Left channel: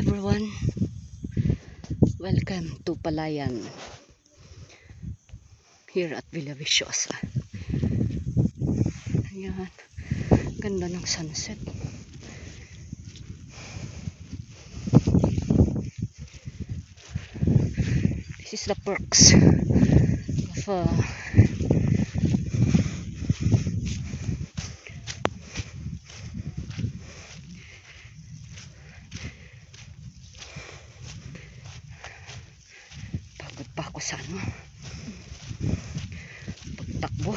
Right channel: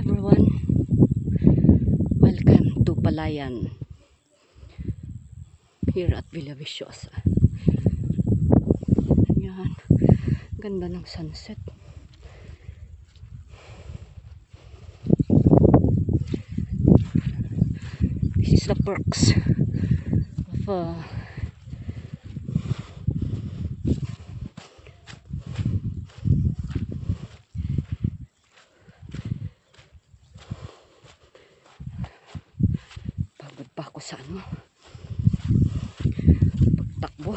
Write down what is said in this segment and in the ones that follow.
everyone, welcome to Palayan here at Villaviciosa. Ayan, ganda ng sunset. This is the perks of pagod pa ako sa pagtakbo.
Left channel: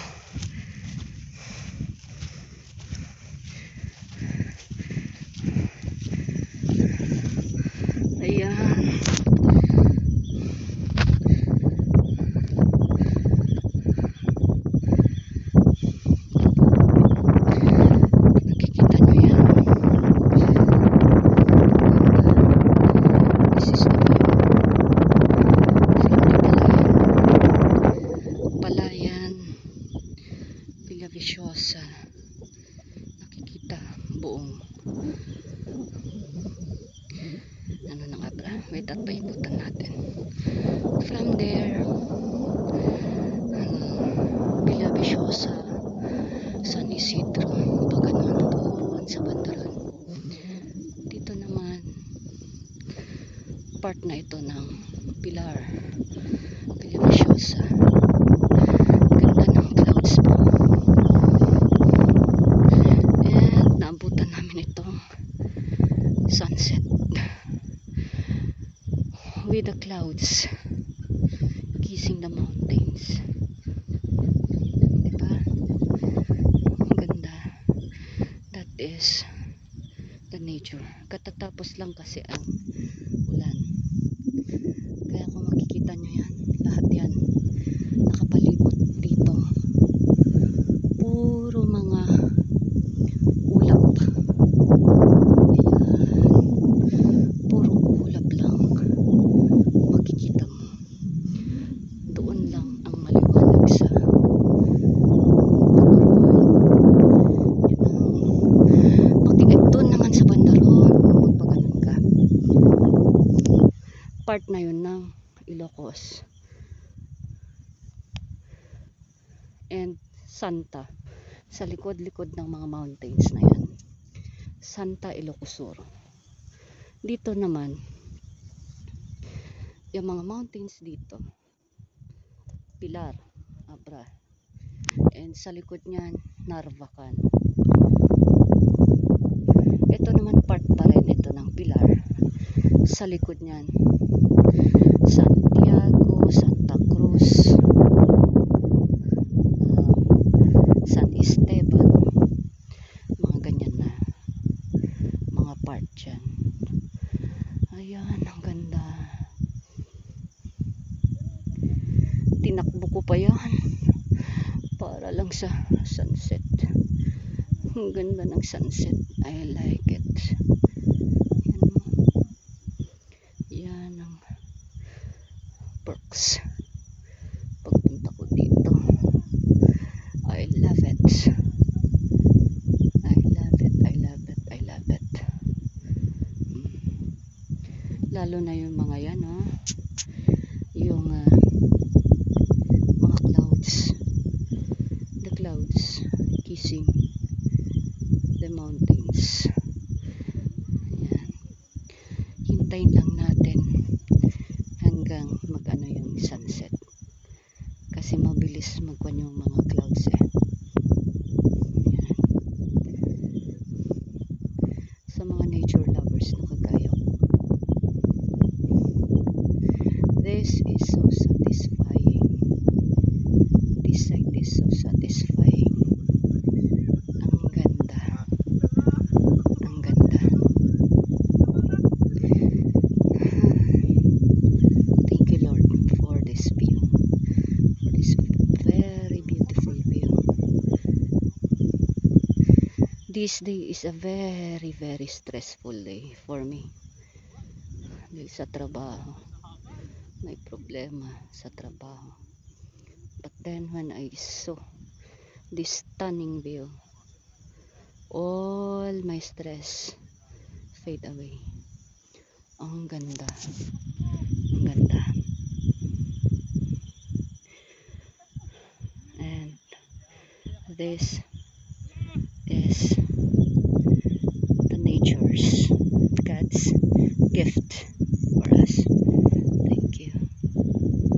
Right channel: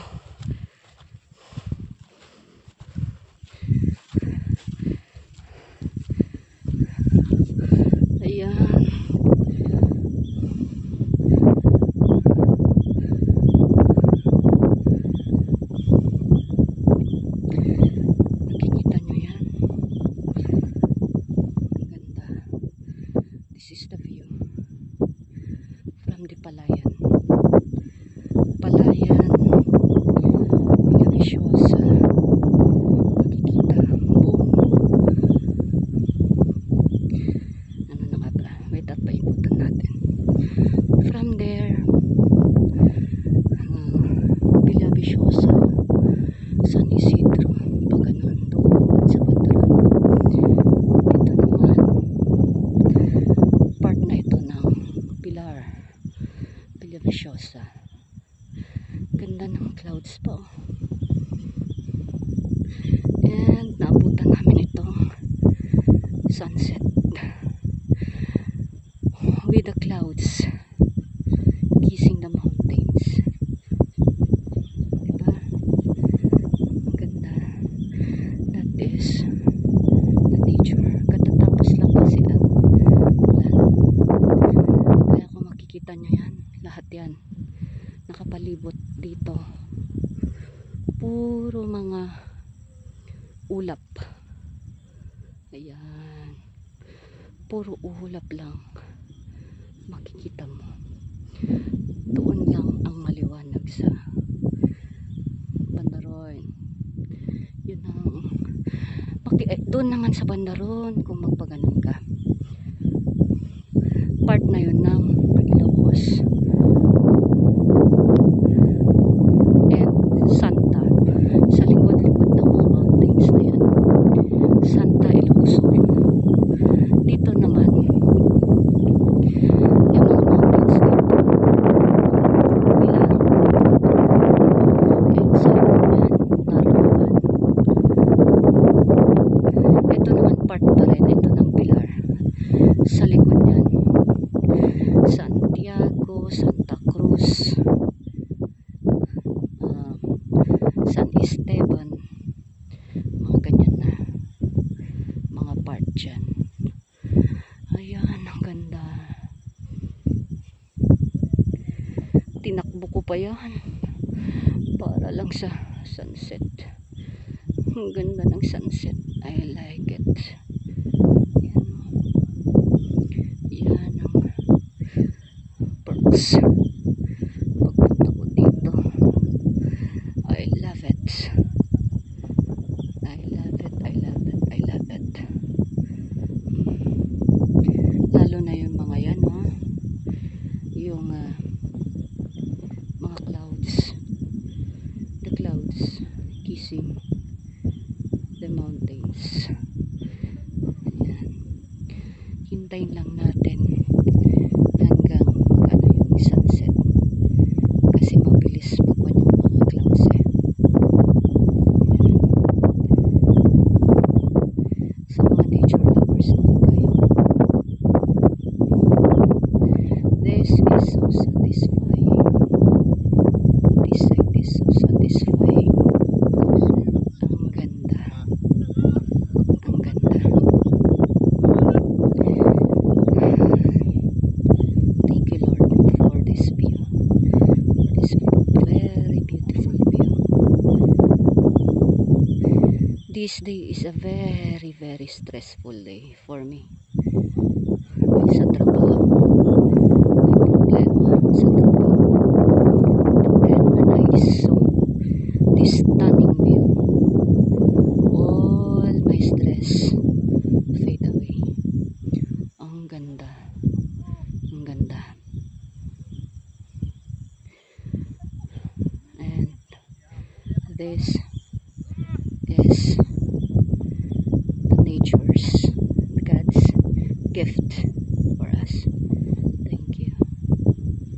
Ayan, nakikita nyo yan. This is the view from the Palayan, Villaviciosa. Nakikita buong ano na nga pala, wait at paikutan natin from there. Villaviciosa, San Isidro, pagano'n doon sa bandaran. Dito naman part na ito ng Pilar, Villaviciosa. Ganda ng clouds po, and naabutan namin itong sunset with the clouds kissing the mountains. Diba? Ang ganda. That is the nature. Katatapos lang kasi ang ulan. Kaya kung makikita nyo yan, lahat yan nakapalibot dito. Puro mga ulap. Ayan. Puro ulap lang makikita mo. Doon lang ang maliwanag sa Bandaron. Yun ang doon naman sa Bandaron, kung magpaganon ka, part na yun ng Ilocos and Santa, sa likod-likod ng mga mountains na yan, Santa Ilocos. Dito naman yung mga mountains dito, Pilar, and sa likod niyan Narlogan. Ito naman part pa rin ito ng Pilar. Sa likod niyan Santiago, Santa Cruz, San Esteban, mga ganyan na mga part dyan. Ayan, ang ganda. Tinakbo ko pa yan para lang sa sunset. Ang ganda ng sunset. I like it. Yan ang perks pagpunta ko dito. I love it. I love it. I love it. I love it. Lalo na yung mga yan, yung mga clouds, the clouds kissing the mountains. Ayan. Hintayin lang natin hanggang mag-ano yung sunset kasi mabilis magwan yung mga clouds Ayan. Sa mga nature lovers na kagaya ko, this is so satisfying. This side is so satisfying. Ang ganda. Ang ganda. Thank you, Lord, for this view. For this very beautiful view. This day is a very, very stressful day for me. Sa trabaho. May problema sa trabaho. But then when I saw this stunning view, all my stress fade away. ganda. Ang ganda. And this is the nature's God's gift